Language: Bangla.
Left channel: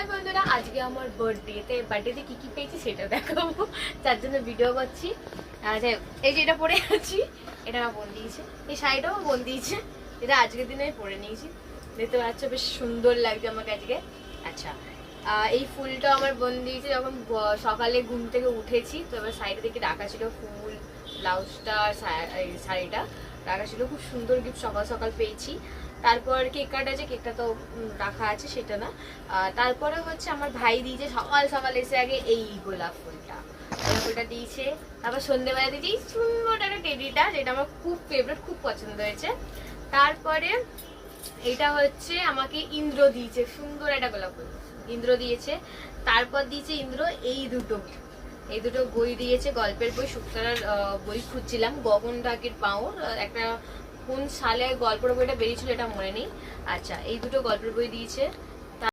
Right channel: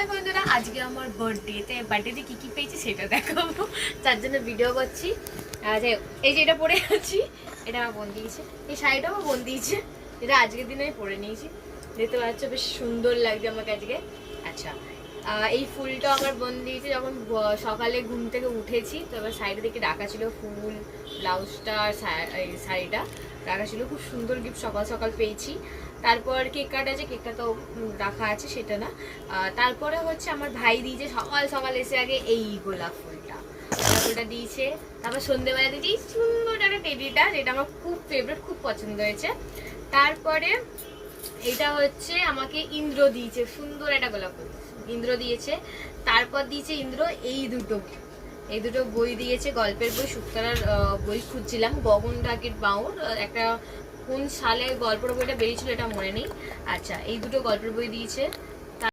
হাই বন্ধুরা, আজকে আমার বার্থডেতে কি কি পেয়েছি সেটা দেখাবো, তার জন্য ভিডিও করছি। এই যে এটা পরে আছি, এটা আমার বোন দিয়েছে। এই শাড়িটাও আমার বোন দিয়েছে, এটা আজকের দিনে আমি পরে নিয়েছি। দেখতে পাচ্ছ বেশ সুন্দর লাগছে আমাকে আজকে। আচ্ছা, এই ফুলটা আমার বোন দিয়েছে যখন সকালে ঘুম থেকে উঠেছি। তো এবার সাইডে দিকে রাখা ছিল ফুল, ব্লাউজটা, শাড়িটা রাখা ছিল। খুব সুন্দর গিফট সকাল সকাল পেয়েছি। তারপর কেক কাটা কেকটা তো রাখা আছে, সেটা না। তারপরে হচ্ছে আমার ভাই দিয়েছে সকাল সকাল এসে আগে এই গোলাপ ফুলটা দিয়েছে। তারপর সন্ধ্যেবেলা দিয়েছি সুন্দর একটা টেডিটা, যেটা আমার খুব ফেভারিট, খুব পছন্দ হয়েছে। তারপরে এটা হচ্ছে আমাকে ইন্দ্র দিয়েছে, সুন্দর একটা গোলাপ ফুল ইন্দ্র দিয়েছে। তারপর দিয়েছে ইন্দ্র এই দুটো বই দিয়েছে, গল্পের বই, শুক্তারার বই খুঁজছিলাম, গগন ডাকের বাউর একটা কোন সালে গল্পের বইটা বেরিয়েছিল এটা মনে নেই। আচ্ছা, এই দুটো গল্পের বই দিয়েছে।